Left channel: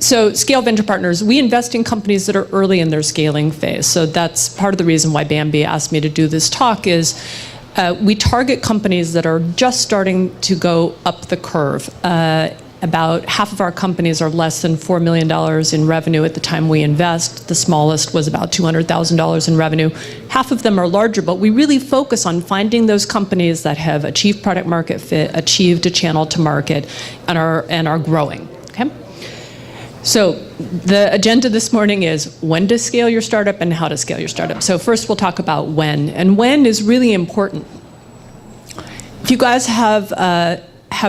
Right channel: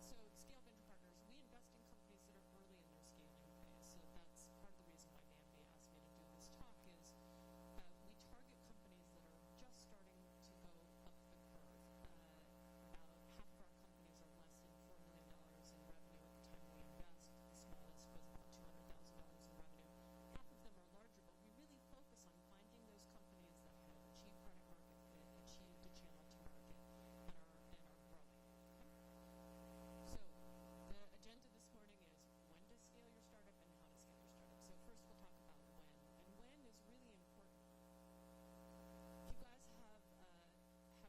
So Scale Venture Partners, we invest in companies that are early in their scaling phase. So that's part of the reason why Bambi asked me to do this talk is we target companies that are just starting to go up the curve. About half of our companies are less than $4 million in revenue at the time we invest. The smallest was about $200,000 in revenue. Half of them are larger, but we really focus on finding those companies that have achieved product market fit, achieved a channel to market, and are growing. Okay? So the agenda this morning is when to scale your startup and how to scale your startup. So first we'll talk about when, and when is really important. If you guys have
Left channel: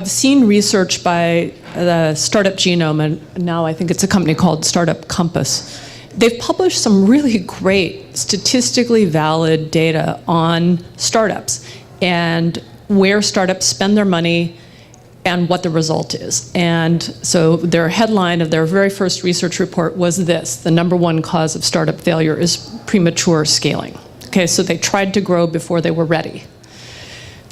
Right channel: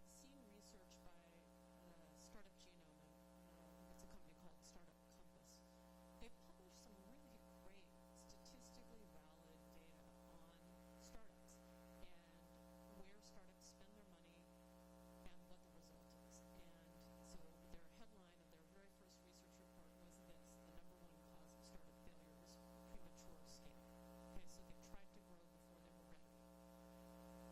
seen research by the Startup Genome, and now I think it's a company called Startup Compass. They've published some really great statistically valid data on startups and where startups spend their money and what the result is. And so their headline of their very first research report was this: the #1 cause of startup failure is premature scaling. Okay, so they tried to grow before they were ready.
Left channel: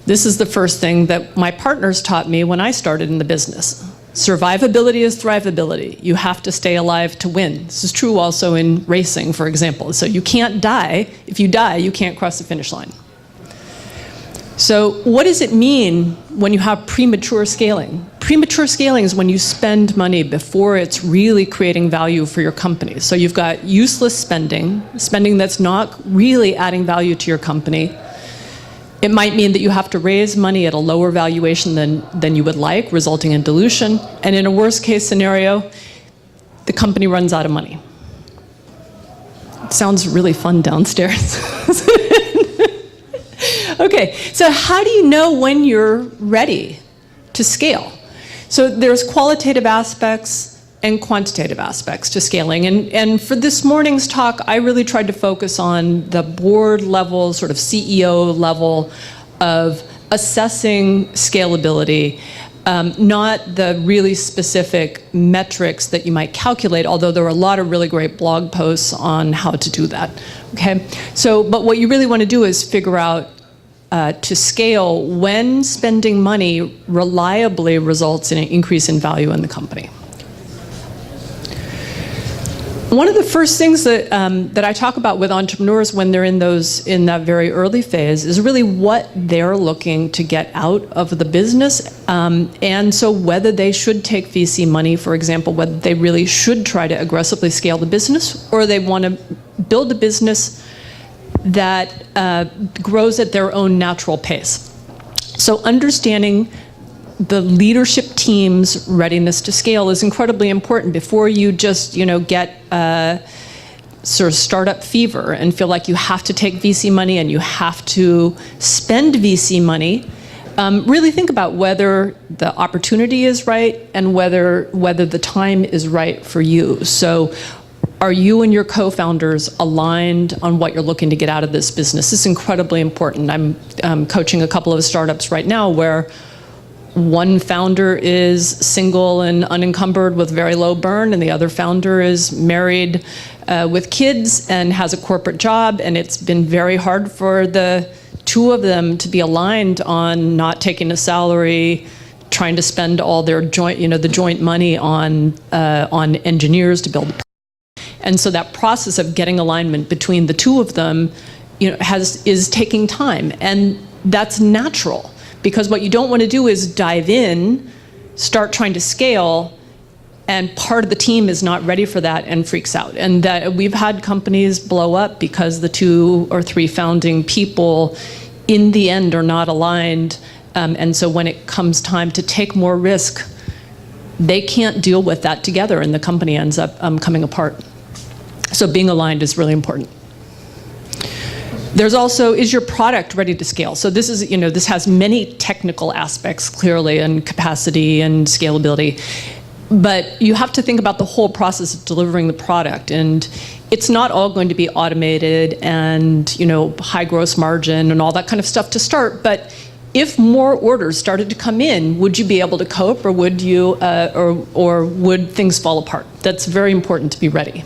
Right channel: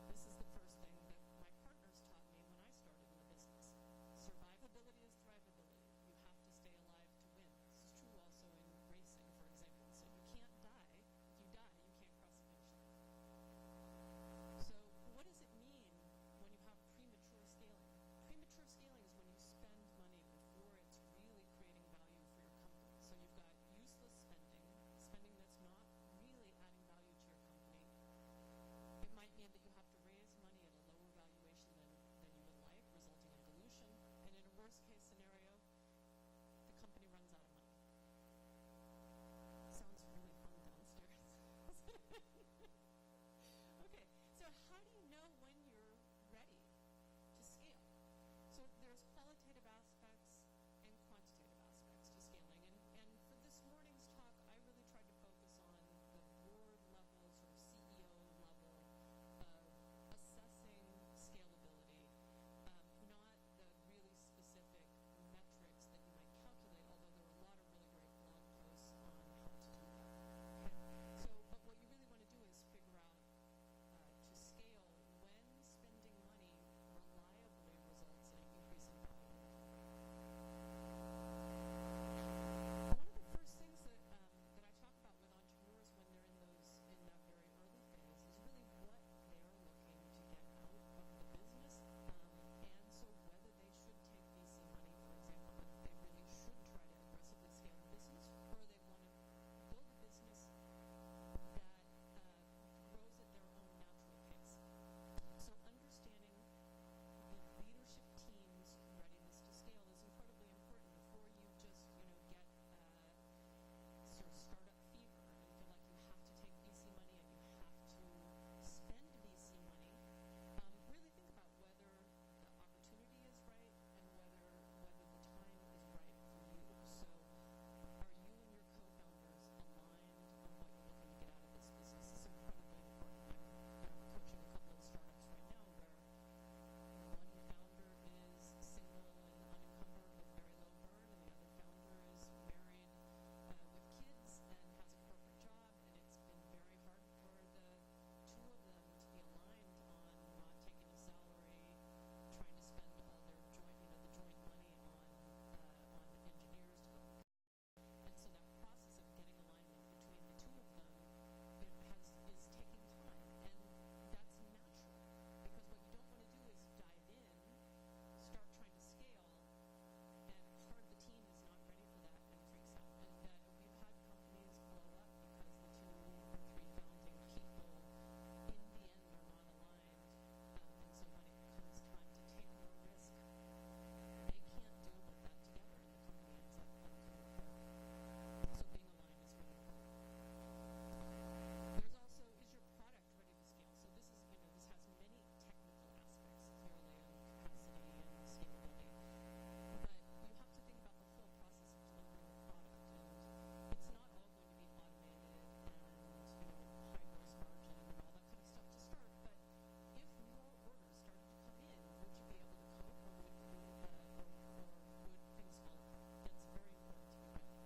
This is the first thing that my partners taught me when I started in the business. Survivability is thrivability. You have to stay alive to win. This is true also in racing, for example. So you can't die. If you die, you can't cross the finish line. So what does it mean when you have premature scaling? Premature scaling is when you spend money before it's really creating value for your company. So you've got useless spending, spending that's not really adding value to your company. It might mean that you have to raise money at a lower valuation than you would like, resulting in dilution. And in a worst case scenario, the company runs out of money. It sounds really fun downstairs. Okay, so how do you know when you're ready to scale? So there's qualitative aspects and quantitative aspects to scaling. And for this morning's talk, I really tried to focus on the board level, sort of CEO level of assessing scalability, not the really specific metrics that you might calculate, although there are a lot of really great blog posts on how to do that, okay? So, but what you really want to do is figure out to scale when spending money reliably results in an increase in value in the company. One of the first things that I talk about with entrepreneurs when they're in that very early phase is really what they're looking to get out of the business, and so whether they should take VC money, for example, whether they really should try to aggressively scale the business, or they want to build a business that grows at their own natural pace. So understanding the leadership team's readiness to scale is incredibly important before you just, get sort of startup fever and feel like you have to take VC money and you have to spend VC money. Really think about whether the opportunity is right and whether the time is right for you. So are you and your co-founders aligned on what you're looking to get out of this business? This is incredibly important. I'm coaching a couple of startups right now where one founder is single and unencumbered with very low burn, and the other founder is married with kids and has a corporate job, and it's been very hard for the two of them to be aligned on not taking a salary, trying to spend all their the joint money on engineers to build. And so that process of getting alignment between the two of them, is taking time, and that's natural. Because what you don't want to do is dive in, start trying to scale, and part of the team is not ready for that and freaks out. And that we've had companies blow up because the 2 or 3 founding people in the end are not aligned. And so when it comes time to take more risk, they can't deal with that together and the company ends up coming apart. So being aligned is really important. There's also, is your product ready to scale? So this is, this has many technical aspects clearly, and capacity and scalability. But you have to think about the whole process of delivering the product. And it's not all going to be automated and, high gross margin and all that kind of stuff to start. But if more orders started to come in, would you be able to cope, or would you, or would things fall apart? That's very important to be ready.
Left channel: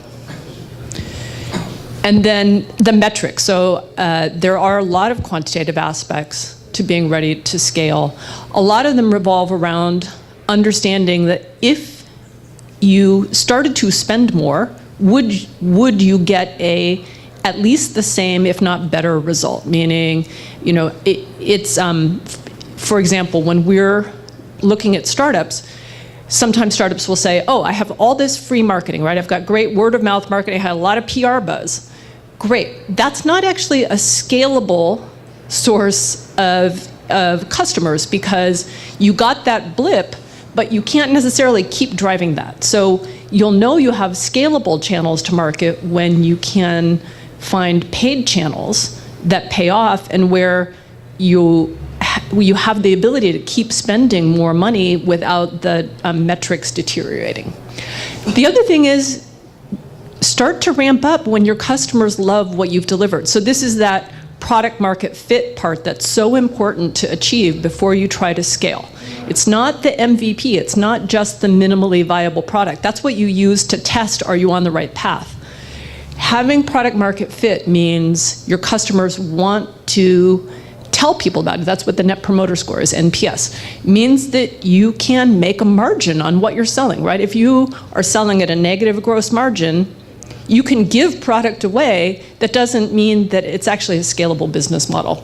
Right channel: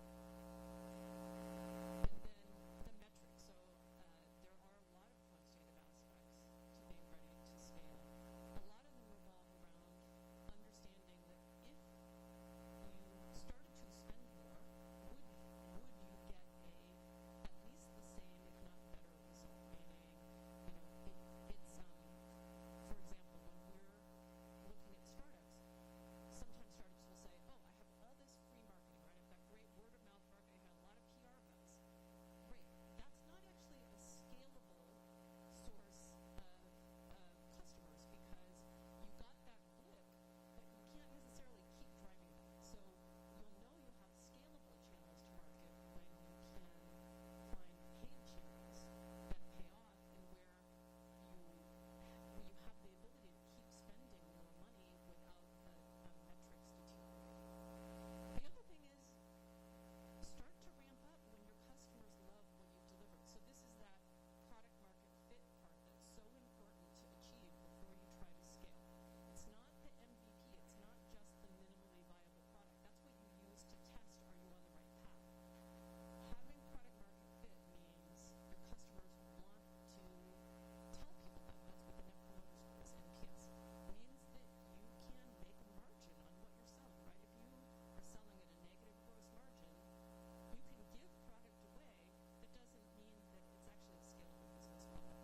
And then the metrics. So there are a lot of quantitative aspects to being ready to scale. A lot of them revolve around understanding that if you started to spend more, would you get at least the same, if not better, result? Meaning, for example, when we're looking at startups, sometimes startups will say, oh, I have all this free marketing, right? I've got great word of mouth marketing, I had a lot of PR buzz. Great. That's not actually a scalable source of customers, because you got that blip, but you can't necessarily keep driving that. So you'll know you have scalable channels to market when you can find paid channels that pay off, and where you have the ability to keep spending more money without the metrics deteriorating. The other thing is, start to ramp up when your customers love what you've delivered. So this is that product market fit part that's so important to achieve before you try to scale. It's not the MVP, it's not just the minimally viable product. That's what you use to test, are you on the right path? Having product market fit means your customers want to tell people about it. That's what the Net Promoter Score is, NPS. It means that you can make a margin on what you're selling, right? If you are selling at a negative gross margin, you can give product away. That doesn't mean that it's actually a scalable business model.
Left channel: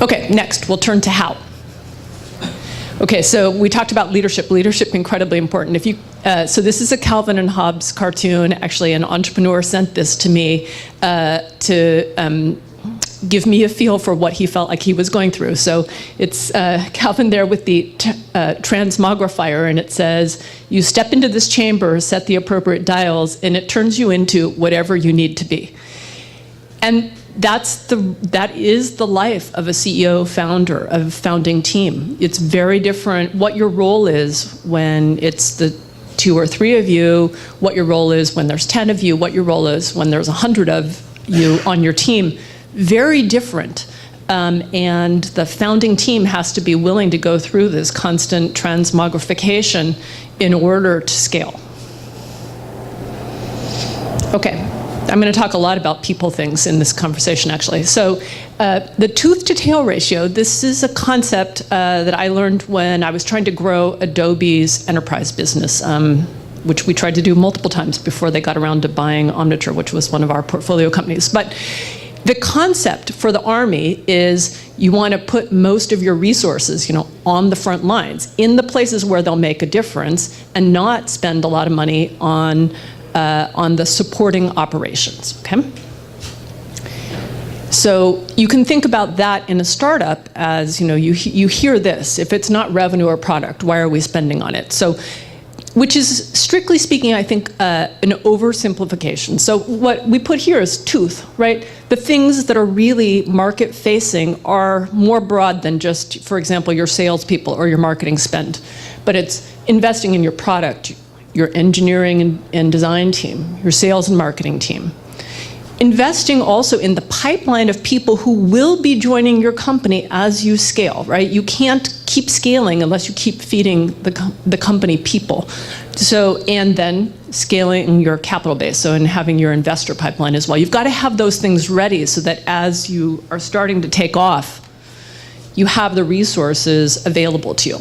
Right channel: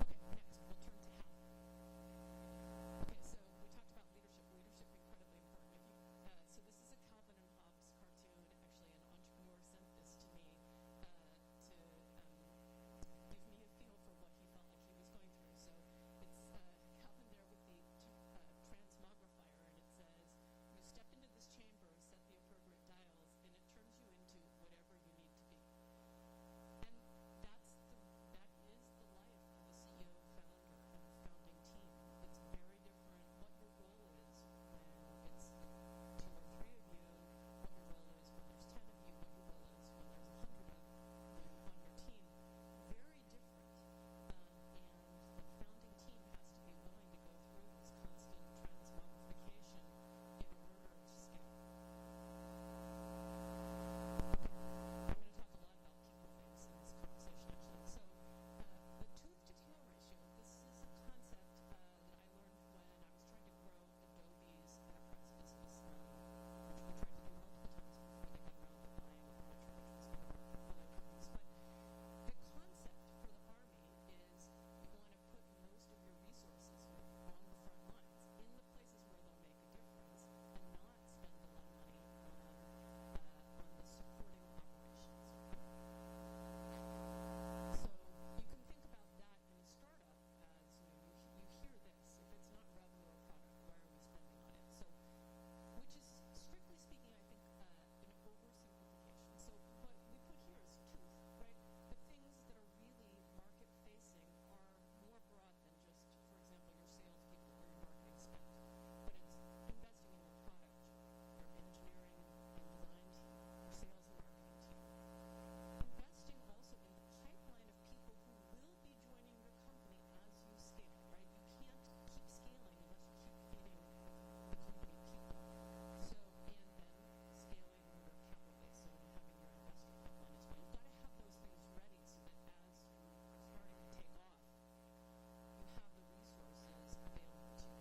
Okay, next, we'll turn to how. Okay, so we talked about leadership. Leadership, incredibly important. So this is a Calvin and Hobbes cartoon. Actually, an entrepreneur sent this to me to give me a feel for what he felt like he was going through. So it's Calvin there with the transmogrifier, and it says, you step into this chamber, set the appropriate dials, and it turns you into whatever you need to be. And that is the life of a CEO founder, of a founding team. It's very different what your role is when it's the 2 or 3 of you, what your role is when there's 10 of you, what your role is when there's 100 of you on your team. Very different. And the founding team has to be willing to go through this constant transmogrification in order to scale. Okay. I'm going to talk a lot about people things in this conversation, actually. So the tooth to tail ratio, this is a concept that I learned when I was trying to grow Adobe's enterprise business, which we tried to do multiple times before they got around to buying Omniture, which was one of our portfolio companies. But the concept for the Army is you want to put most of your resources, on the front lines, in the places where they'll make a difference, and not spend a lot of money on the supporting operations, okay? So you can think about that in a startup as, you hear this, if it's not revenue or product, why are we spending on it? So, which is, strictly speaking, I think, an oversimplification. So what we put here is tooth, right? The things that are really market-facing are more broad than just, for example, your salespeople or your marketing spend. But it's investing in your product, your engineering and design team, your sales and marketing team. Investing also in the pipeline of people who will be joining your company as you scale, right? You can't keep scaling unless you keep feeding the company people. So, and then scaling your capital base, so and having your investor pipeline as well. You've got to have those things ready so that as you are starting to take off, you have the resources available to you.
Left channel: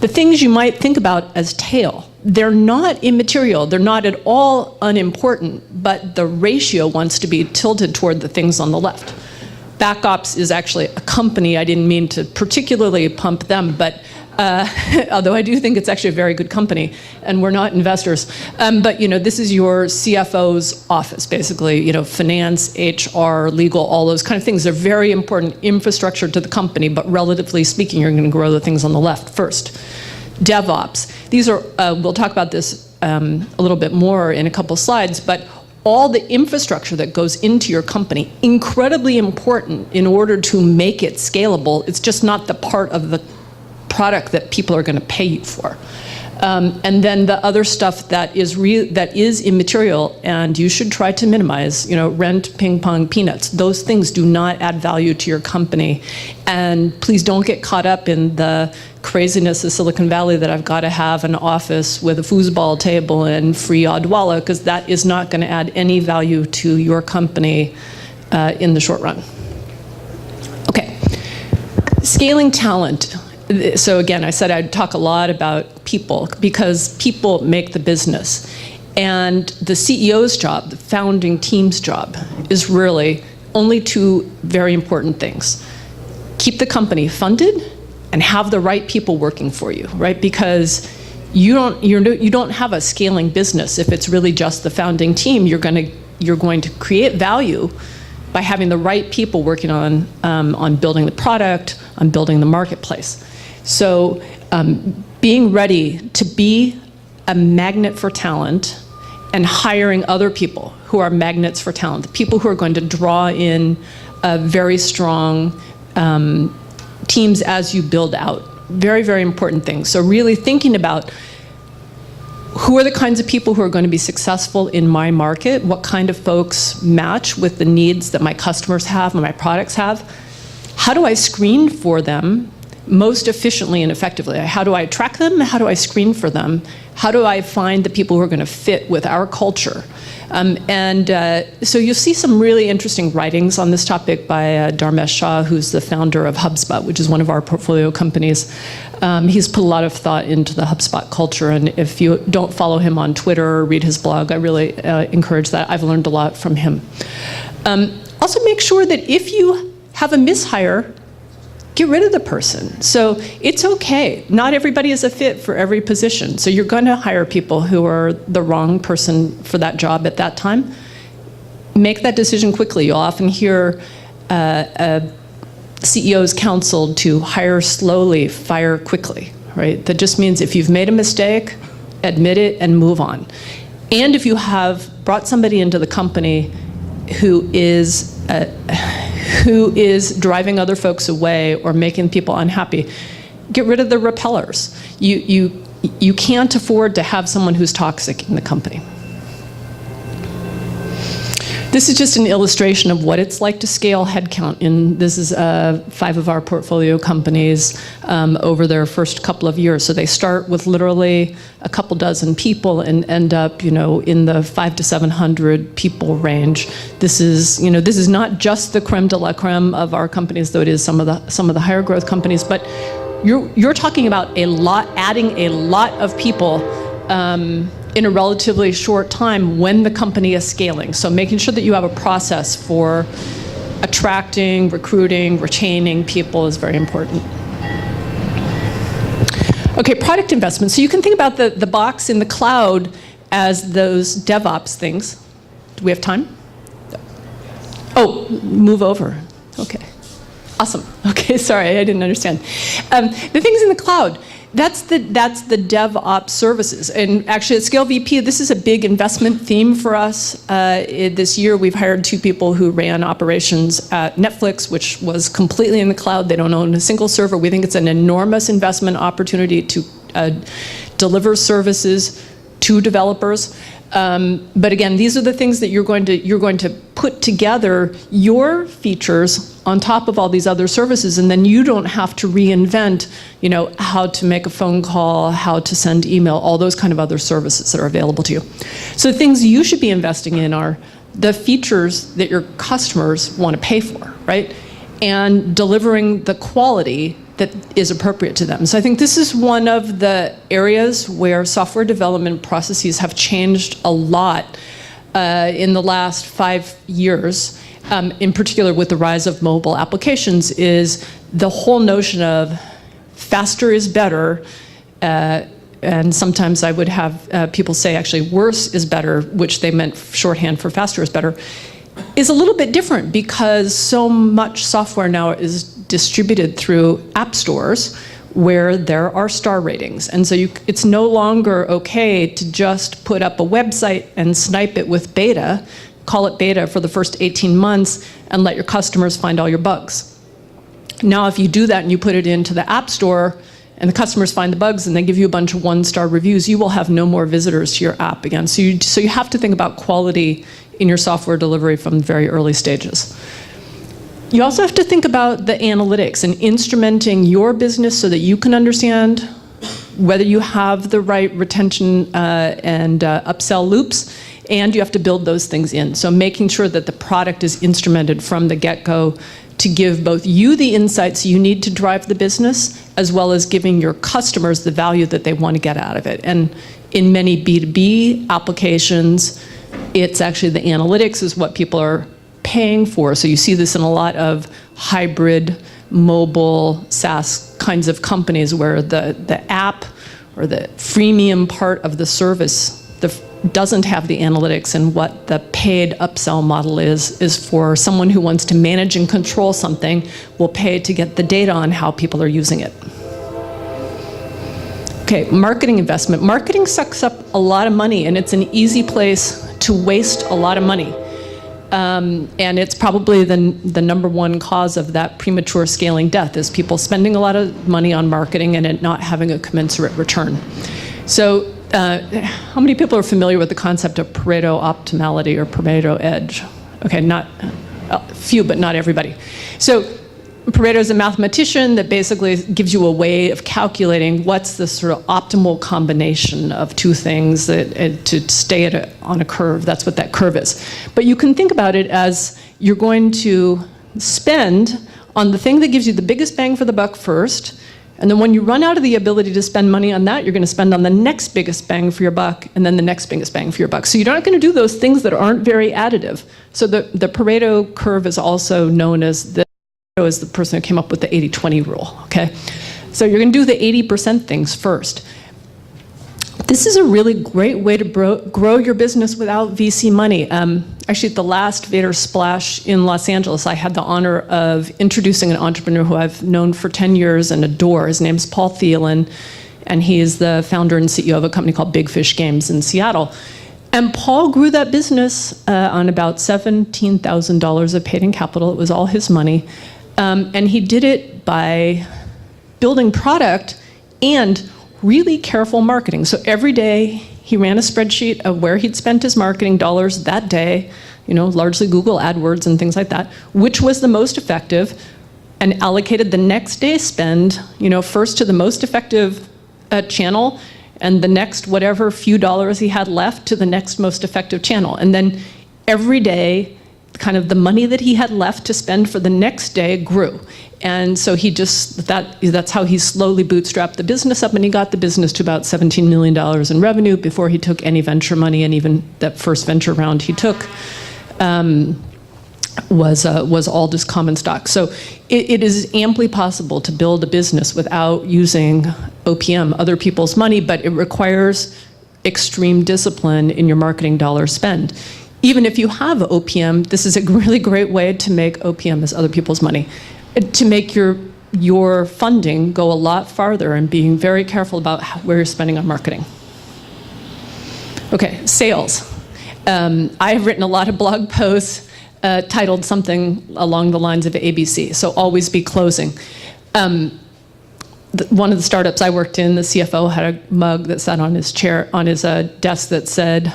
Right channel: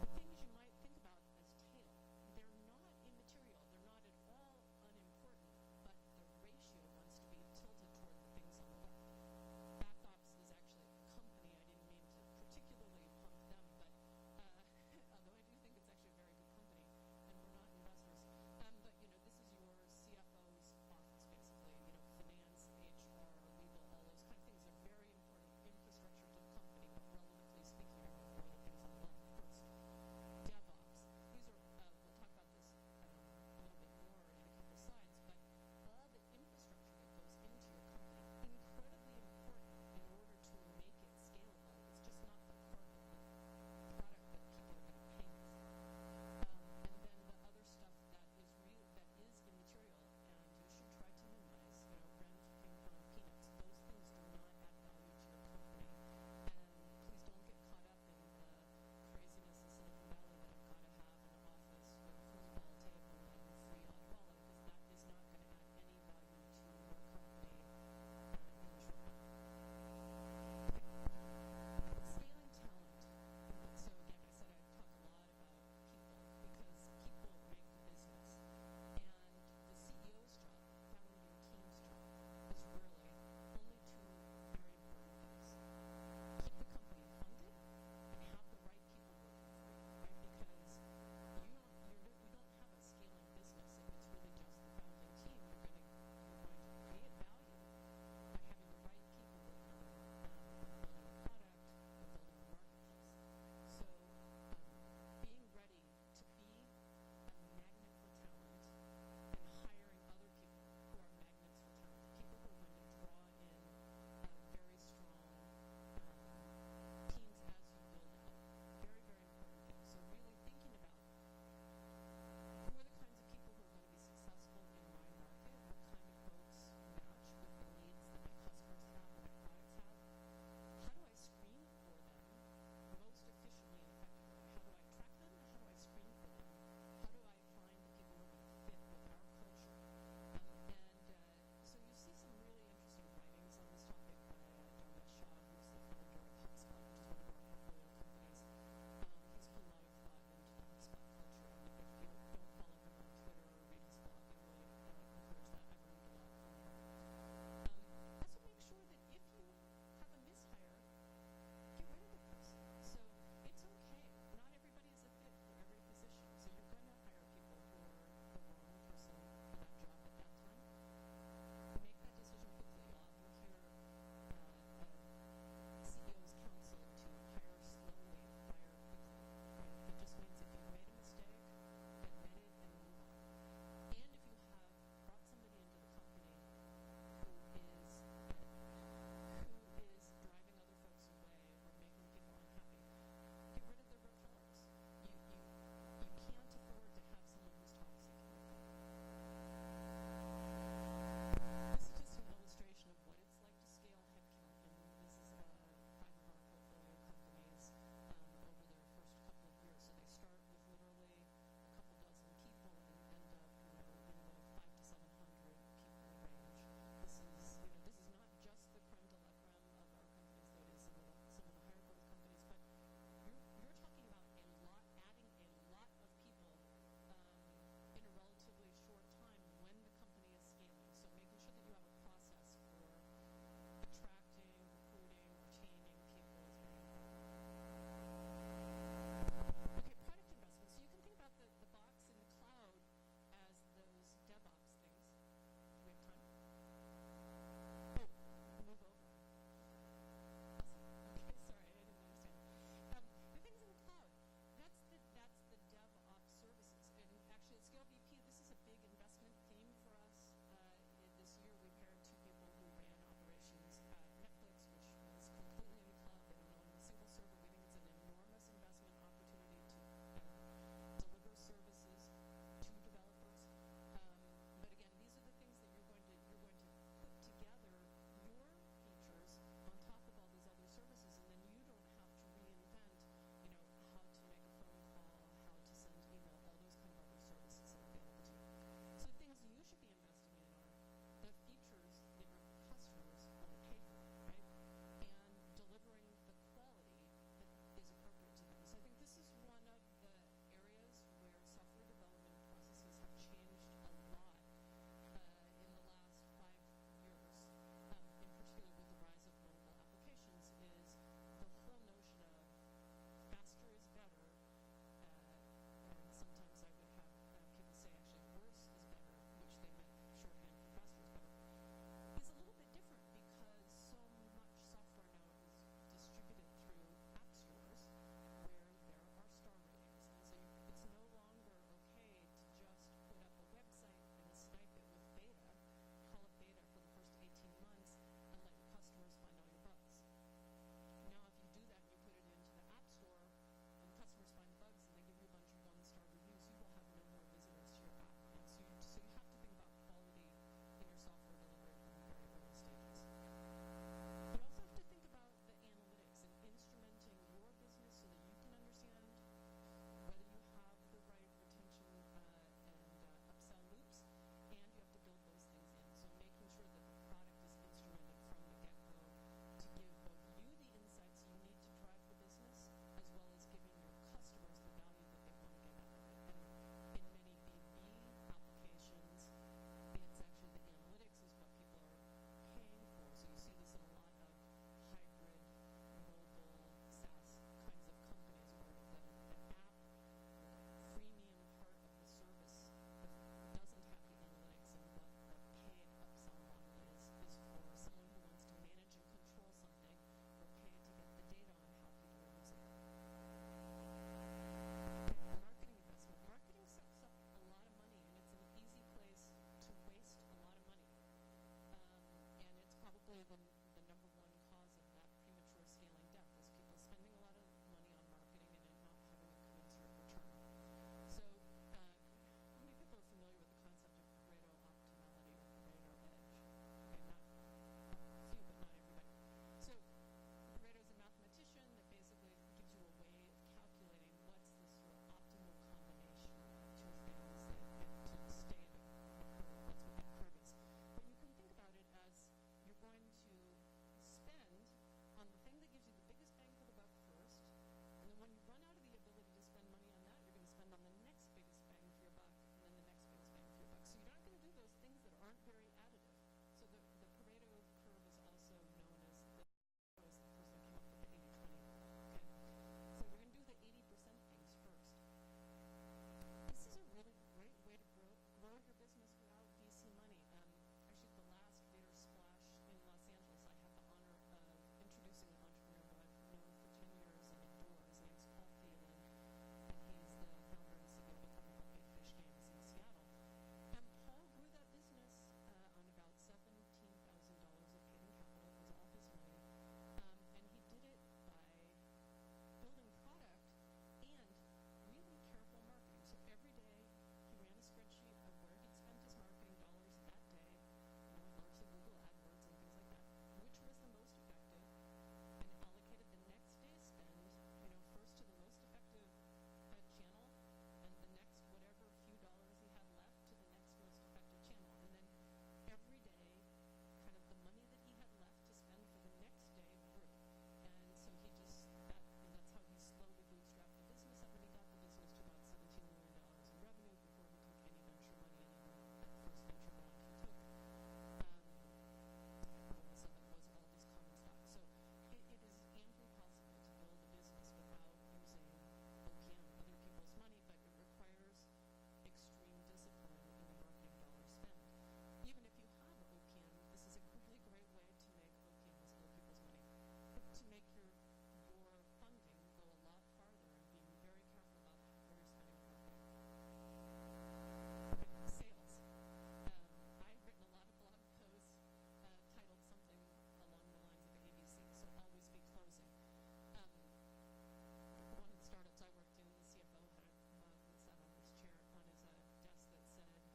The things you might think about as tail, they're not immaterial, they're not at all unimportant, but the ratio wants to be tilted toward the things on the left. BackOps is actually a company. I didn't mean to particularly pump them, but although I do think it's actually a very good company, and we're not investors. But this is your CFO's office, basically. Finance, HR, legal, all those kind of things. They're very important infrastructure to the company, but relatively speaking, you're going to grow the things on the left first. DevOps. These are, we'll talk about this a little bit more in a couple slides, but all the infrastructure that goes into your company, incredibly important in order to make it scalable. It's just not the part of the product that people are going to pay you for. And then the other stuff that is immaterial, and you should try to minimize, rent, ping pong, peanuts. Those things do not add value to your company. And please don't get caught up in the craziness of Silicon Valley that I've got to have an office with a foosball table and free Odwalla, because that is not going to add any value to your company in the short run. Okay, scaling talent. So again, I said I'd talk a lot about people because people make the business. And the CEO's job, the founding team's job, is really only two very important things. Keep the company funded and have the right people working for you, right? Because you don't have a scaling business if it's really just the founding team. You're going to create value by having the right people working on building the product, on building the marketplace. So being ready to be a magnet for talent and hiring other people who are magnets for talent, the people who are going to draw in very strong teams as you build out. Very, very important things. So really thinking about who are the kinds of people who are going to be successful in my market, what kind of folks match with the needs that my customers have and my products have. How do I screen for them most efficiently and effectively? How do I track them? How do I screen for them? How do I find the people who are going to fit with our culture? So you'll see some really interesting writings on this topic by Dharmesh Shah, who's the founder of HubSpot, which is one of our portfolio companies. He's put a lot of thought into the HubSpot culture, and if you don't follow him on Twitter or read his blog, I really encourage that. I've learned a lot from him. Also make sure that if you have a mishire, get rid of the person. So it's okay. Not everybody is a fit for every position. So you're going to hire people who are the wrong person for that job at that time. Make that decision quickly. You'll often hear CEOs counseled to hire slowly, fire quickly, right? That just means if you've made a mistake, admit it and move on. And if you have brought somebody into the company who is driving other folks away or making people unhappy, get rid of the repellers. You can't afford to have someone who's toxic in the company. This is just an illustration of what it's like to scale headcount. This is 5 of our portfolio companies over their first couple of years. So they start with literally a couple dozen people and end up, in the 500 to 700 people range. This is not just the creme de la creme of our companies, though it is some of the higher growth companies. But you're talking about adding a lot of people in a relatively short time when the company is scaling. So making sure that you have a process for attracting, recruiting, retaining people is very important. Okay, product investment. So you can think about the box in the cloud as those DevOps things. Do we have time? Oh, move over. Okay. Awesome. Okay, sorry, I didn't understand. The things in the cloud. That's the DevOps services. And actually at Scale VP, this is a big investment theme for us. This year we've hired 2 people who ran operations at Netflix, which was completely in the cloud. They don't own a single server. We think it's an enormous investment opportunity to deliver services to developers. But again, these are the things that you're going to put together your features on top of all these other services, and then you don't have to reinvent, how to make a phone call, how to send email, all those kind of other services that are available to you. So the things you should be investing in are the features that your customers want to pay for, right? And delivering the quality that is appropriate to them. So I think this is one of the areas where software development processes have changed a lot in the last 5 years, in particular with the rise of mobile applications, is the whole notion of faster is better, and sometimes I would have people say actually worse is better, which they meant shorthand for faster is better, is a little bit different because so much software now is distributed through app stores where there are star ratings. And so it's no longer okay to just put up a website and snipe it with beta, call it beta for the first 18 months, and let your customers find all your bugs. Now, if you do that and you put it into the app store and the customers find the bugs and they give you a bunch of 1-star reviews, you will have no more visitors to your app again. So you have to think about quality in your software delivery from very early stages. You also have to think about the analytics and instrumenting your business so that you can understand whether you have the right retention and upsell loops, and you have to build those things in. So making sure that the product is instrumented from the get-go to give both you the insights you need to drive the business, as well as giving your customers the value that they want to get out of it. And in many B2B applications, it's actually the analytics is what people are paying for. So you see this in a lot of hybrid mobile SaaS kinds of companies where the app or the freemium part of the service doesn't have the analytics, and what the paid upsell model is for someone who wants to manage and control something will pay to get the data on how people are using it. Okay, marketing investment. Marketing sucks up a lot of money, and it's an easy place to waste a lot of money. And it's probably the number one cause of that premature scaling death is people spending a lot of money on marketing and it not having a commensurate return. So how many people are familiar with the concept of Pareto optimality or Pareto edge? Okay, not a few, but not everybody. So Pareto is a mathematician that basically gives you a way of calculating what's the sort of optimal combination of two things to stay on a curve. That's what that curve is. But you can think about it as you're going to spend on the thing that gives you the biggest bang for the buck first, and then when you run out of the ability to spend money on that, you're going to spend on the next biggest bang for your buck, and then the next biggest bang for your buck. So you're not going to do those things that aren't very additive. So the Pareto curve is also known as the person who came up with the 80-20 rule, okay? So you're going to do the 80% things first. This is a really great way to grow your business without VC money. Actually, at the last Vator Splash in Los Angeles, I had the honor of introducing an entrepreneur who I've known for 10 years and adore. His name's Paul Thielen, and he is the founder and CEO of a company called Big Fish Games in Seattle. And Paul grew that business on about $17,000 of paid-in capital. It was all his money. And he did it by building product and really careful marketing. So every day he ran a spreadsheet of where he'd spent his marketing dollars that day, largely Google AdWords and things like that, which was the most effective, and allocated the next day's spend, first to the most effective channel, and the next whatever few dollars he had left to the next most effective channel. And then every day, kind of the money that he had left to spend for the next day grew. And so that's how he slowly bootstrapped the business up, and he got the business to about $17 million in revenue before he took any venture money, and even that first venture round he took was all just common stock. So it is amply possible to build a business without using OPM, other people's money, but it requires extreme discipline in your marketing dollar spend. Even if you have OPM, this is a really great way to make OPM as other people's money, to make your funding go a lot farther, and being very careful about where you're spending on marketing. Okay, sales. I've written a lot of blog posts titled something along the lines of ABC, so always be closing. One of the startups I worked in, the CFO had a mug that sat on his desk that said,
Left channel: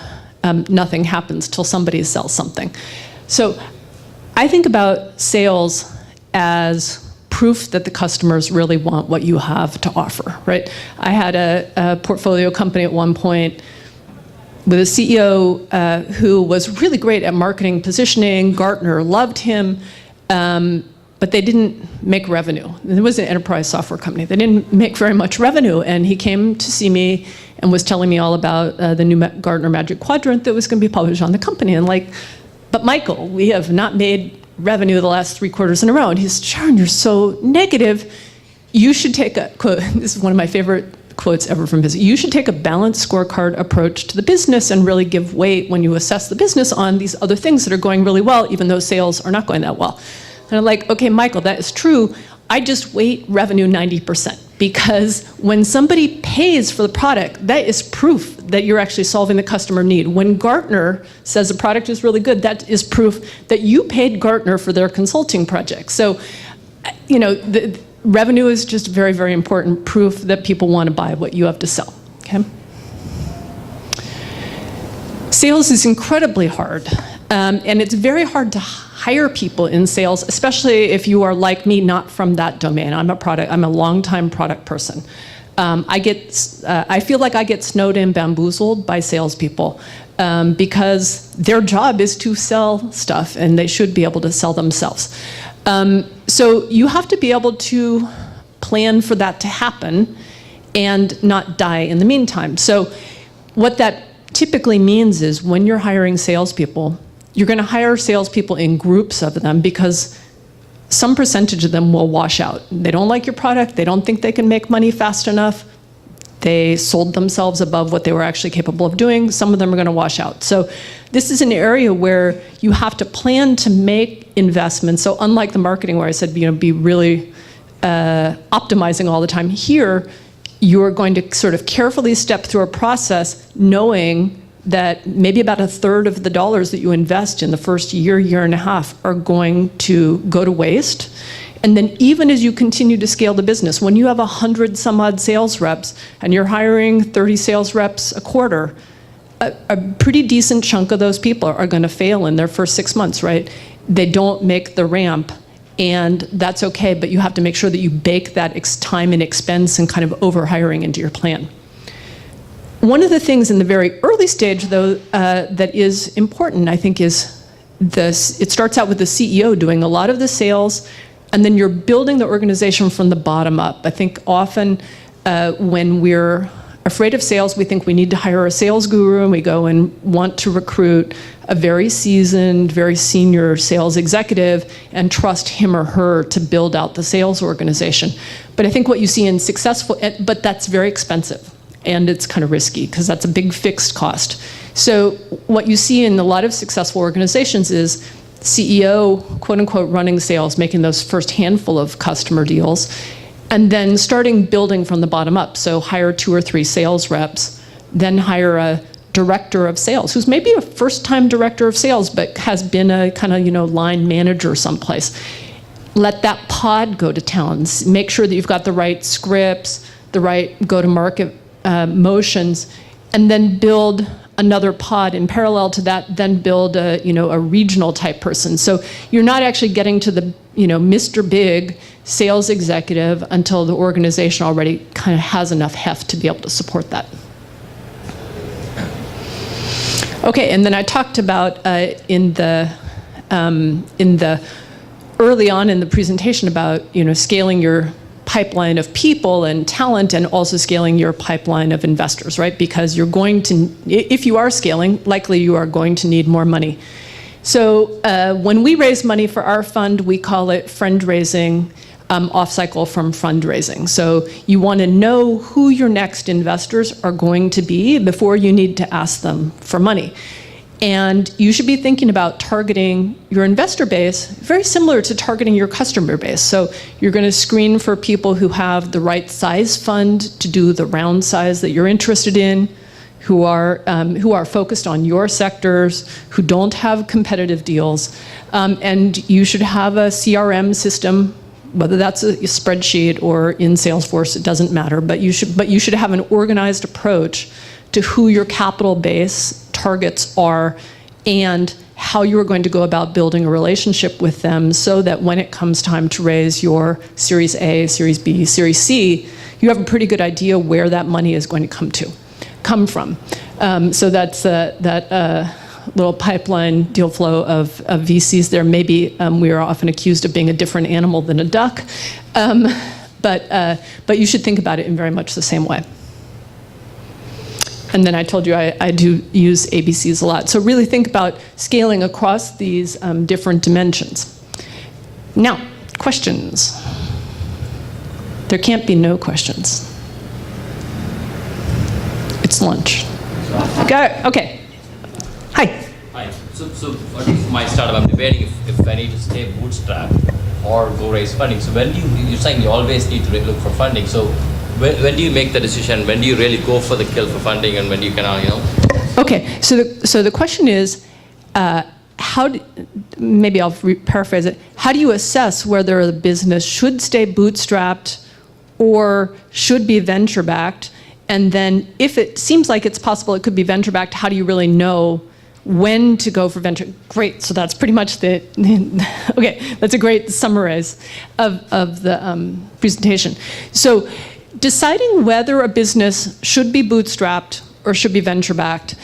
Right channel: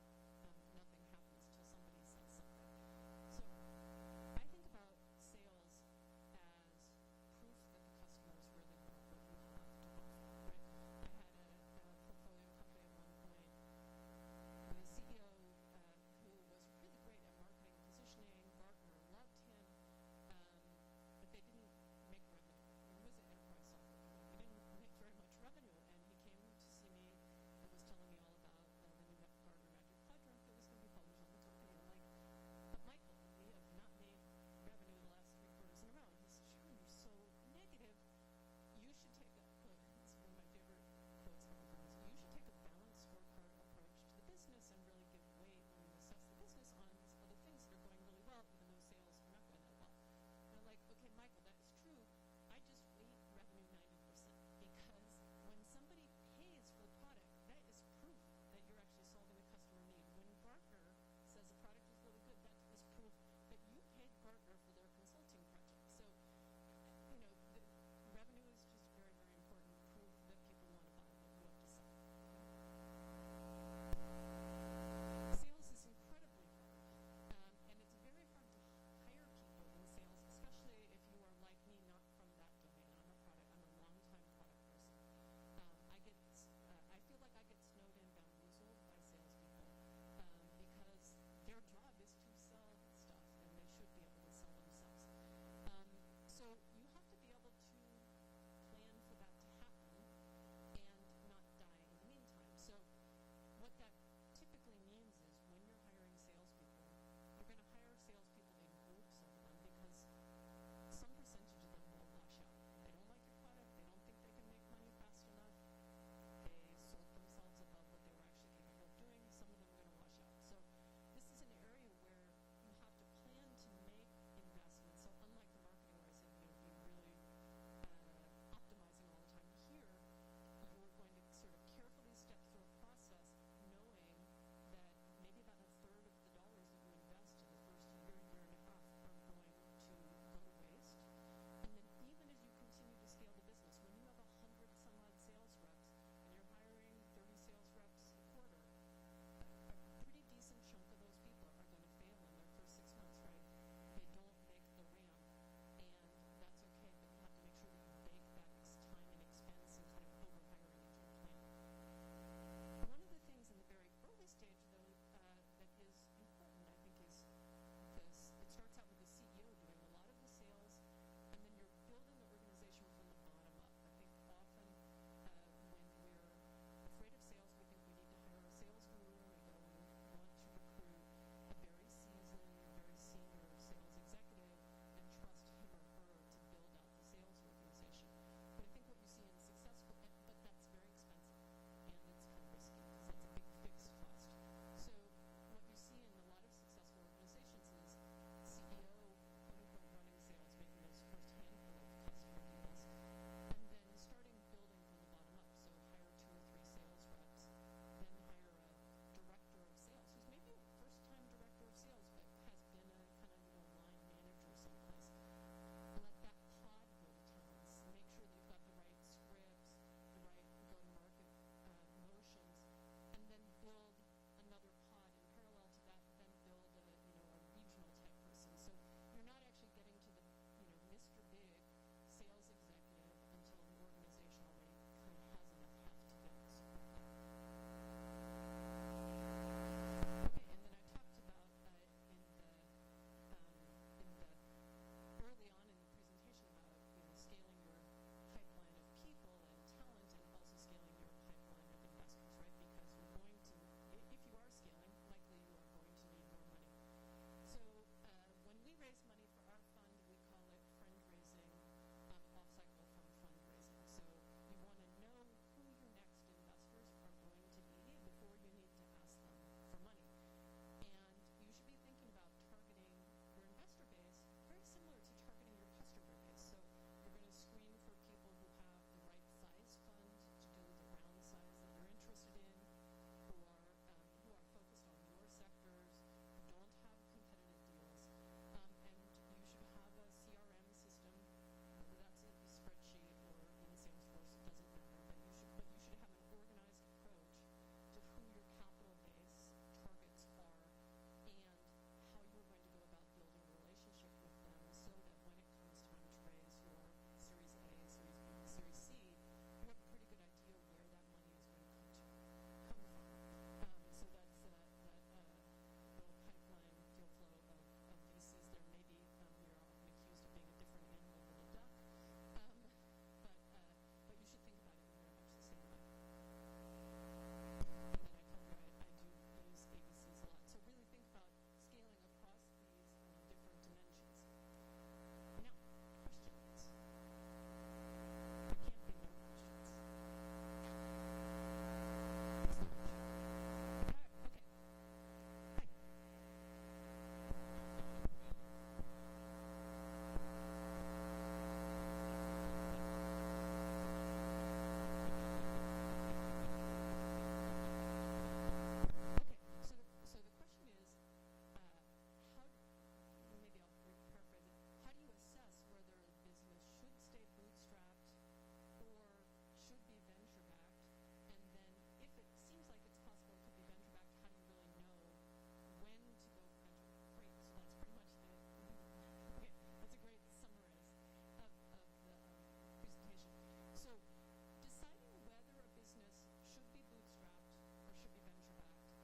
nothing happens till somebody sells something. So I think about sales as proof that the customers really want what you have to offer, right? I had a portfolio company at one point with a CEO who was really great at marketing positioning. Gartner loved him, but they didn't make revenue. It was an enterprise software company. They didn't make very much revenue, and he came to see me and was telling me all about the new Gartner Magic Quadrant that was going to be published on the company. And but Michael, we have not made revenue the last 3 quarters in a row. And he said, Sharon, you're so negative. You should take a quote. This is one of my favorite quotes ever from business. You should take a balanced scorecard approach to the business and really give weight when you assess the business on these other things that are going really well, even though sales are not going that well. And I'm like, okay, Michael, that is true. I just weight revenue 90%, because when somebody pays for the product, that is proof that you're actually solving the customer need. When Gartner says a product is really good, that is proof that you paid Gartner for their consulting project. So, the revenue is just very, very important proof that people want to buy what you have to sell, okay? Sales is incredibly hard, and it's very hard to hire people in sales, especially if you are like me, not from that domain. I'm a longtime product person. I feel like I get snowed in, bamboozled by salespeople because their job is to sell stuff, and they should be able to sell themselves. So you have to be able to plan for that to happen and not die in the meantime. So what that typically means is when you're hiring salespeople, you're going to hire salespeople in groups of them because some percentage of them will wash out. They don't like your product. They don't think they can make money fast enough. They sold themselves above what they were actually capable of doing. Some of them are going to wash out. So this is an area where you have to plan to make investments. So unlike the marketing where I said, be really optimizing all the time, here you're going to sort of carefully step through a process knowing that maybe about a third of the dollars that you invest in the first year, year and a half are going to go to waste. And then even as you continue to scale the business, when you have 100 some odd sales reps and you're hiring 30 sales reps a quarter, a pretty decent chunk of those people are going to fail in their first 6 months, right? They don't make the ramp, and that's okay, but you have to make sure that you bake that time and expense and kind of over-hiring into your plan. One of the things in the very early stage, though, that is important, I think, is this. It starts out with the CEO doing a lot of the sales, and then you're building the organization from the bottom up. I think often when we're afraid of sales, we think we need to hire a sales guru, and we go and want to recruit a very seasoned, very senior sales executive and trust him or her to build out the sales organization. But I think what you see in successful, but that's very expensive. And it's kind of risky because that's a big fixed cost. So what you see in a lot of successful organizations is CEO, quote unquote, running sales, making those first handful of customer deals, and then starting building from the bottom up. So hire 2 or 3 sales reps, then hire a director of sales, who's maybe a first-time director of sales, but has been a kind of, line manager someplace. Let that pod go to town. Make sure that you've got the right scripts, the right go-to-market motions, and then build another pod in parallel to that, then build a regional type person. So you're not actually getting to the Mr. Big sales executive until the organization already kind of has enough heft to be able to support that. Okay, and then I talked about in the early on in the presentation about scaling your pipeline of people and talent, and also scaling your pipeline of investors, right? Because you're going to, if you are scaling, likely you are going to need more money. So when we raise money for our fund, we call it friend raising off cycle from fundraising. So you want to know who your next investors are going to be before you need to ask them for money. And you should be thinking about targeting your investor base very similar to targeting your customer base. So you're going to screen for people who have the right size fund to do the round size that you're interested in, who are focused on your sectors, who don't have competitive deals. And you should have a CRM system, whether that's a spreadsheet or in Salesforce, it doesn't matter. But you should have an organized approach to who your capital base targets are and how you are going to go about building a relationship with them so that when it comes time to raise your Series A, Series B, Series C, you have a pretty good idea where that money is going to come from. So that's that little pipeline deal flow of VCs there. Maybe we are often accused of being a different animal than a duck, but you should think about it in very much the same way. And then I told you I do use ABCs a lot. So really think about scaling across these different dimensions. Now, questions. There can't be no questions. It's lunch. Got it. Okay. Hi. Hi. So at least for my startup, I'm debating if I need to stay bootstrapped or go raise funding. So when you're saying you always need to look for funding. So when do you make the decision? When do you really go for the kill for funding, and when do you Okay, so the question is, maybe I'll paraphrase it. How do you assess whether the business should stay bootstrapped or should be venture backed? And then if it seems like it's possible it could be venture backed, how do you really know when to go for venture? Great, so that's pretty much okay, that's a great summarize of the presentation. So deciding whether a business should be bootstrapped or should be venture-backed,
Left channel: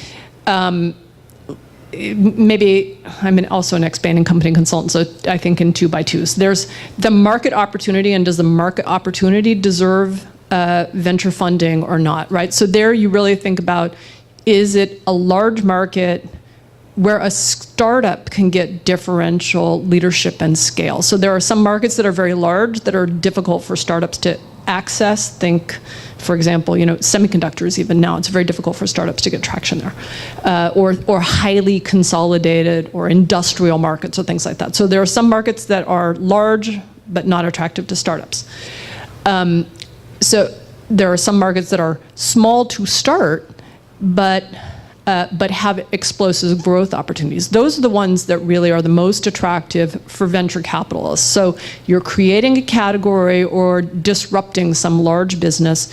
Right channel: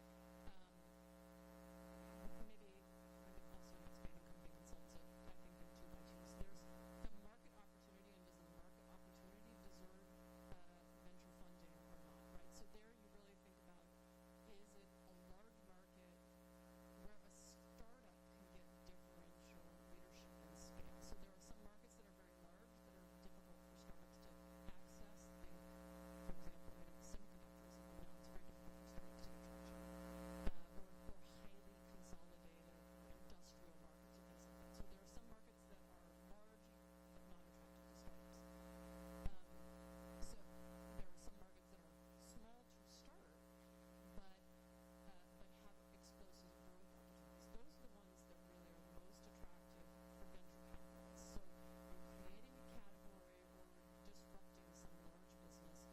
maybe I'm also an expanding company consultant, so I think in 2x2s. There's the market opportunity, and does the market opportunity deserve venture funding or not, right? So there you really think about, is it a large market where a startup can get differential leadership and scale? So there are some markets that are very large that are difficult for startups to access. Think, for example, semiconductors. Even now, it's very difficult for startups to get traction there, or highly consolidated or industrial markets or things like that. So there are some markets that are large but not attractive to startups. So there are some markets that are small to start, but have explosive growth opportunities. Those are the ones that really are the most attractive for venture capitalists. So you're creating a category or disrupting some large business,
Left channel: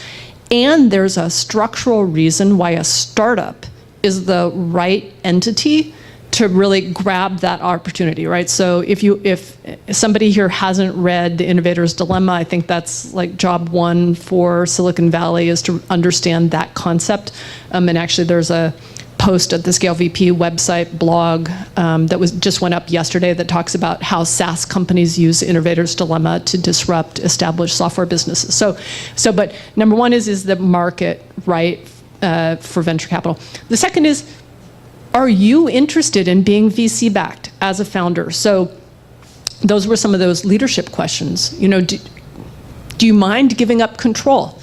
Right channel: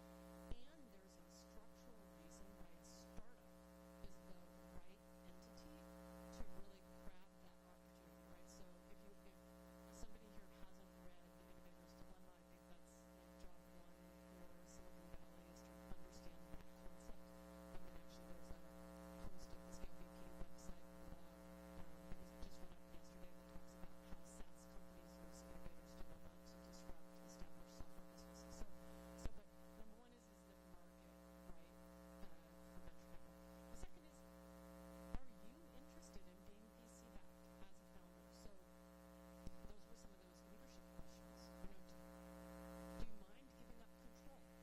and there's a structural reason why a startup is the right entity to really grab that opportunity, right? So if somebody here hasn't read The Innovator's Dilemma, I think that's like job one for Silicon Valley, is to understand that concept. And actually there's a post at the Scale VP website blog that just went up yesterday that talks about how SaaS companies use Innovator's Dilemma to disrupt established software businesses. But number one is the market right for venture capital? The second is, are you interested in being VC backed as a founder? So those were some of those leadership questions. Do you mind giving up control?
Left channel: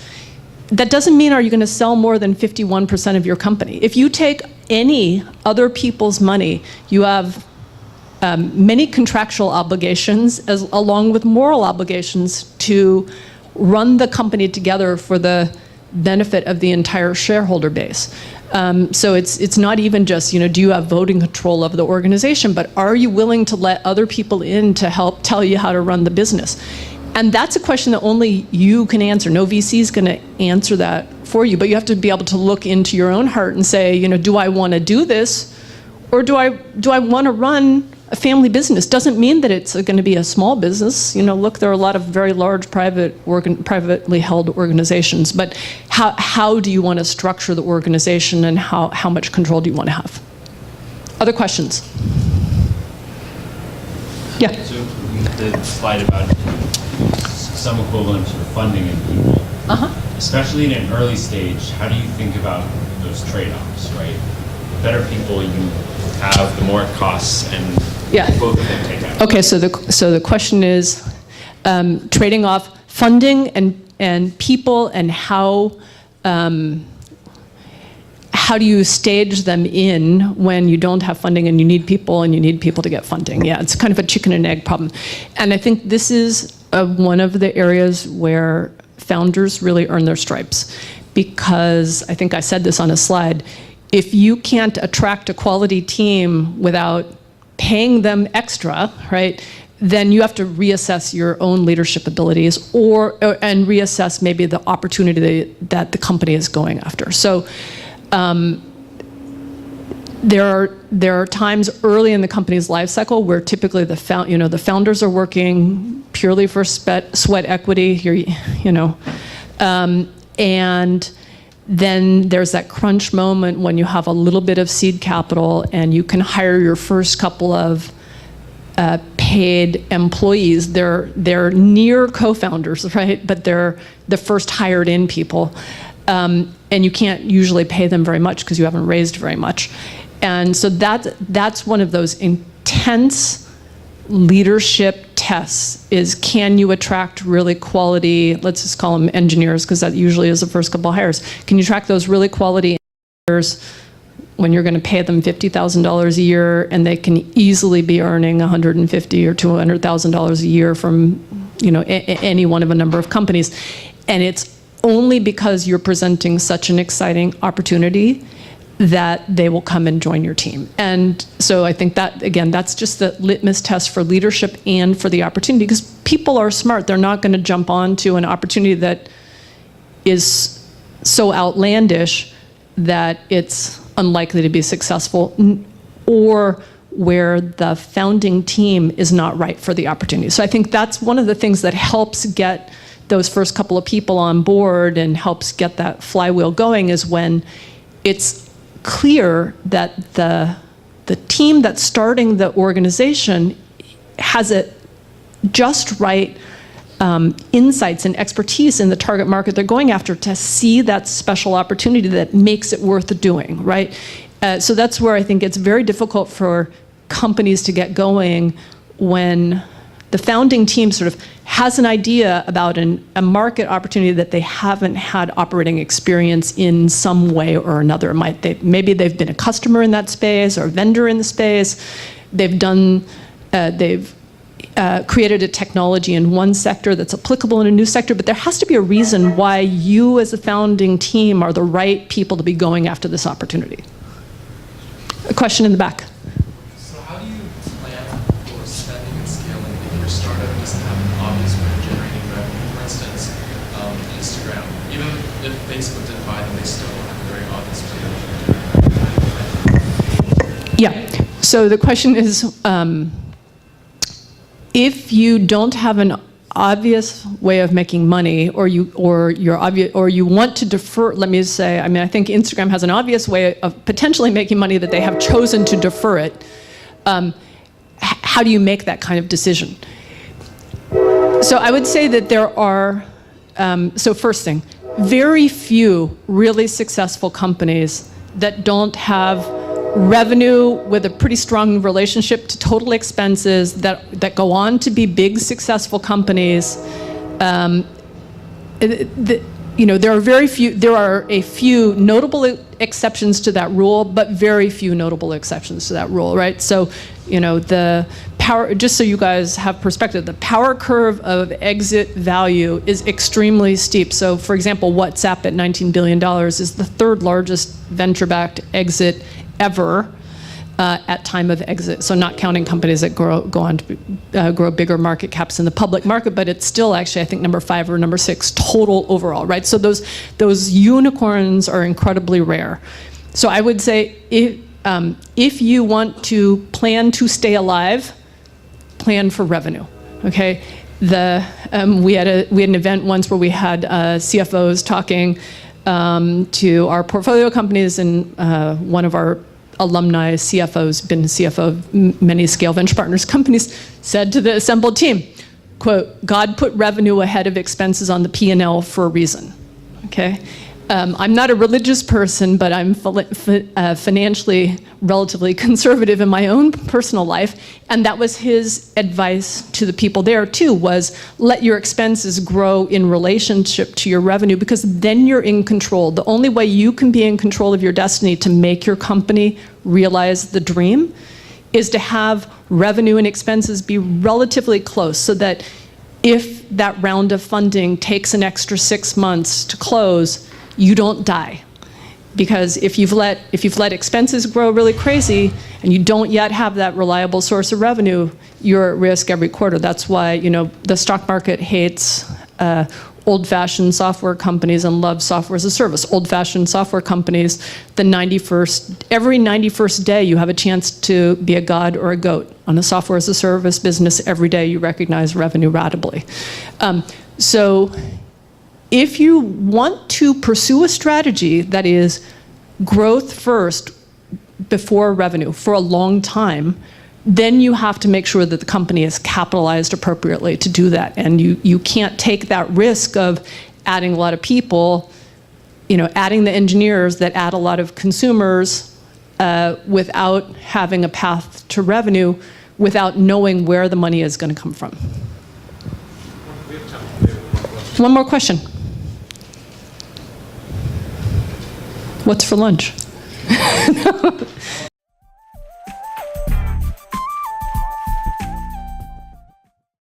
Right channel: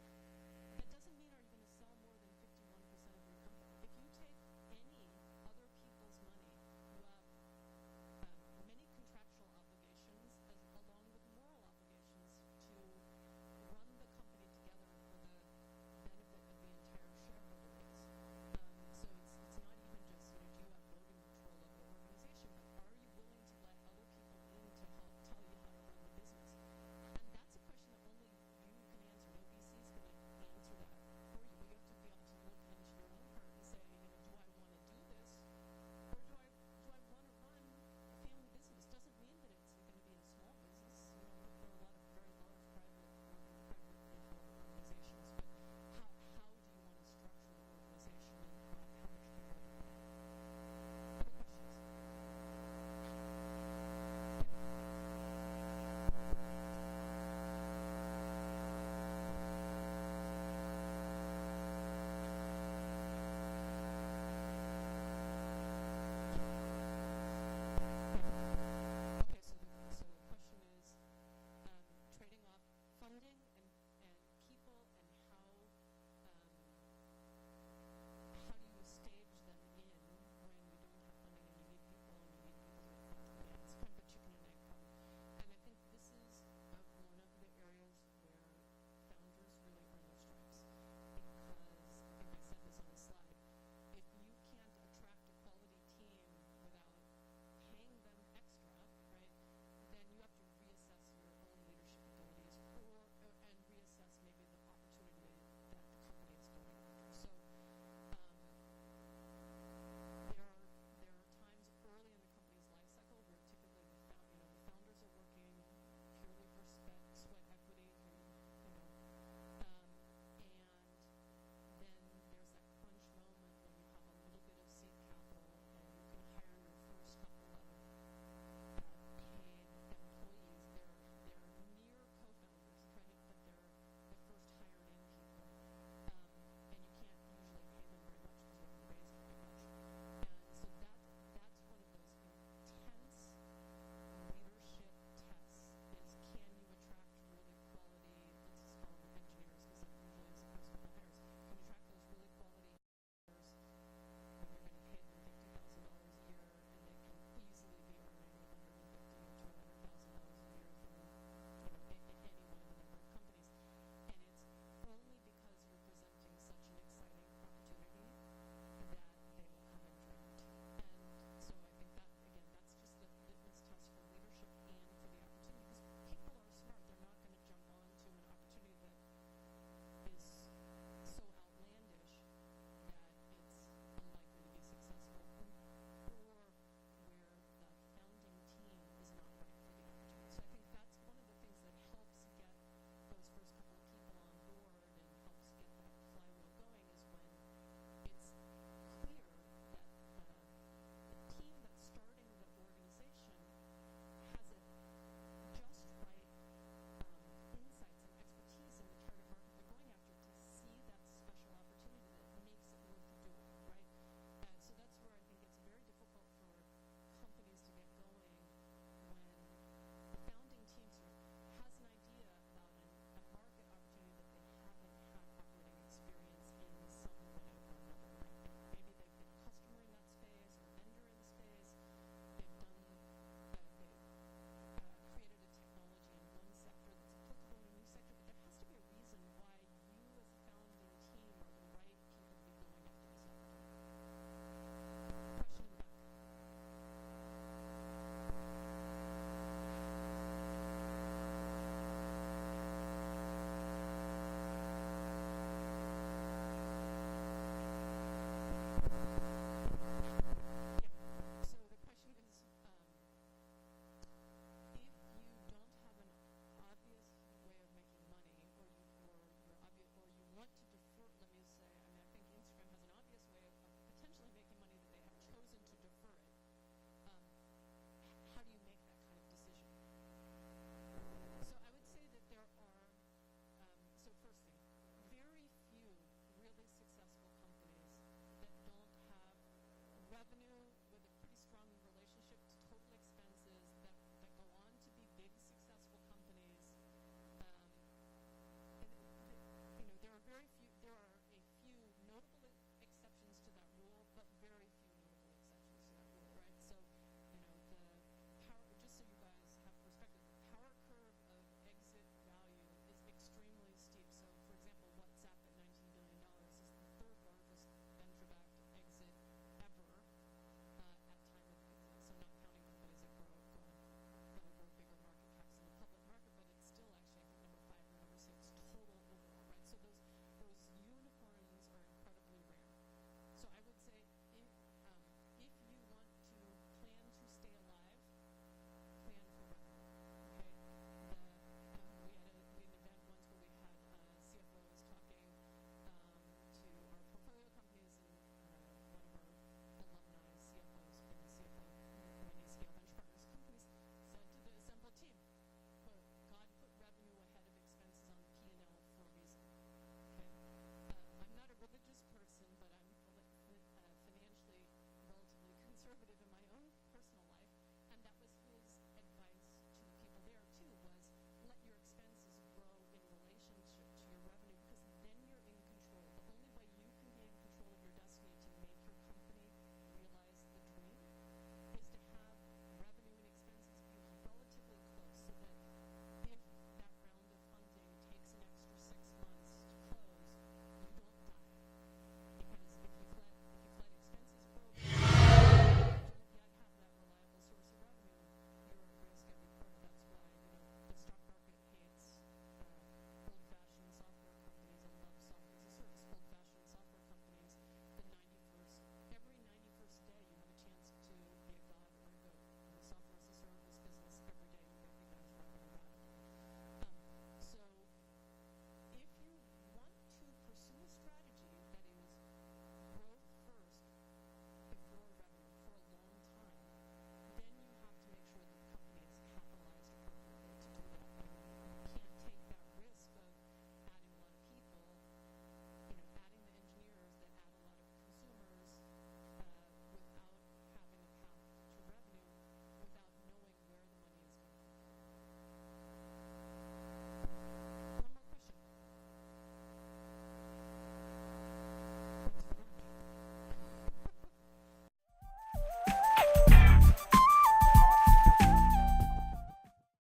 That doesn't mean, are you going to sell more than 51% of your company? If you take any other people's money, you have many contractual obligations along with moral obligations to run the company together for the benefit of the entire shareholder base. So it's not even just, do you have voting control of the organization, but are you willing to let other people in to help tell you how to run the business? And that's a question that only you can answer. No VC is going to answer that for you, but you have to be able to look into your own heart and say, do I want to do this, or do I want to run a family business? Doesn't mean that it's going to be a small business. Look, there are a lot of very large privately held organizations, but how do you want to structure the organization, and how much control do you want to have? Other questions? Yeah. So the slide about some equivalent to funding and people, especially in an early stage, how do you think about those trade-offs, right? The better people you have, the more it costs, and both of them take out. Okay, so the question is trading off funding and people, and how do you stage them in when you don't have funding and you need people to get funding? Yeah, it's kind of a chicken and egg problem. And I think this is one of the areas where founders really earn their stripes, because I think I said this on a slide, if you can't attract a quality team without paying them extra, right, then you have to reassess your own leadership abilities and reassess maybe the opportunity that the company is going after. So there are times early in the company's life cycle where typically the founders are working purely for sweat equity, and then there's that crunch moment when you have a little bit of seed capital and you can hire your first couple of paid employees. They're near co-founders, right? But they're the first hired in people. And you can't usually pay them very much because you haven't raised very much. And so that's one of those intense leadership tests, is can you attract really quality, let's just call them engineers, because that usually is the first couple of hires. Can you attract those really quality engineers when you're going to pay them $50,000 a year and they can easily be earning $150,000 or $200,000 a year from any one of a number of companies? And it's only because you're presenting such an exciting opportunity that they will come and join your team. And so I think that, again, that's just the litmus test for leadership and for the opportunity, because people are smart. They're not going to jump onto an opportunity that is so outlandish that it's unlikely to be successful, or where the founding team is not right for the opportunity. So I think that's one of the things that helps get those first couple of people on board and helps get that flywheel going, is when it's clear that the the team that's starting the organization has a just right insights and expertise in the target market they're going after to see that special opportunity that makes it worth doing, right? So that's where I think it's very difficult for companies to get going when the founding team sort of has an idea about a market opportunity that they haven't had operating experience in some way or another. Maybe they've been a customer in that space or a vendor in the space. They've created a technology in one sector that's applicable in a new sector, but there has to be a reason why you as a founding team are the right people to be going after this opportunity. A question in the back. So how do you plan for spending and scaling if your startup doesn't have an obvious way of generating revenue? For instance, Instagram. Even if Facebook didn't buy them, they still don't have a very obvious way of generating revenue. Yeah, so the question is, if you don't have an obvious way of making money, or you want to defer, let me say, I mean, I think Instagram has an obvious way of potentially making money that they have chosen to defer it. How do you make that kind of decision? So I would say that there are, so first thing, very few really successful companies that don't have revenue with a pretty strong relationship to total expenses that go on to be big successful companies. There are a few notable exceptions to that rule, but very few notable exceptions to that rule, right? So, the power, just so you guys have perspective, the power curve of exit value is extremely steep. So, for example, WhatsApp at $19 billion is the third largest venture-backed exit ever at time of exit. So not counting companies that go on to grow bigger market caps in the public market, but it's still actually, I think, number 5 or number 6 total overall, right? So those unicorns are incredibly rare. So I would say if you want to plan to stay alive, plan for revenue, okay? We had an event once where we had CFOs talking to our portfolio companies, and one of our alumni CFOs, been CFO of many scale venture partners companies, said to the assembled team, quote, "God put revenue ahead of expenses on the P&L for a reason," okay? I'm not a religious person, but I'm financially relatively conservative in my own personal life, and that was his advice to the people there too, was let your expenses grow in relationship to your revenue, because then you're in control. The only way you can be in control of your destiny to make your company realize the dream is to have revenue and expenses be relatively close, so that if that round of funding takes an extra 6 months to close, you don't die. Because if you've let expenses grow really crazy and you don't yet have that reliable source of revenue, you're at risk every quarter. That's why the stock market hates old-fashioned software companies and loves software as a service. Old-fashioned software companies, every 91st day you have a chance to be a god or a goat. On a software as a service business, every day you recognize revenue ratably. So if you want to pursue a strategy that is growth first before revenue for a long time, then you have to make sure that the company is capitalized appropriately to do that. And you can't take that risk of adding a lot of people, adding the engineers that add a lot of consumers without having a path to revenue, without knowing where the money is going to come from. We have time for one more question. One more question. What's for lunch?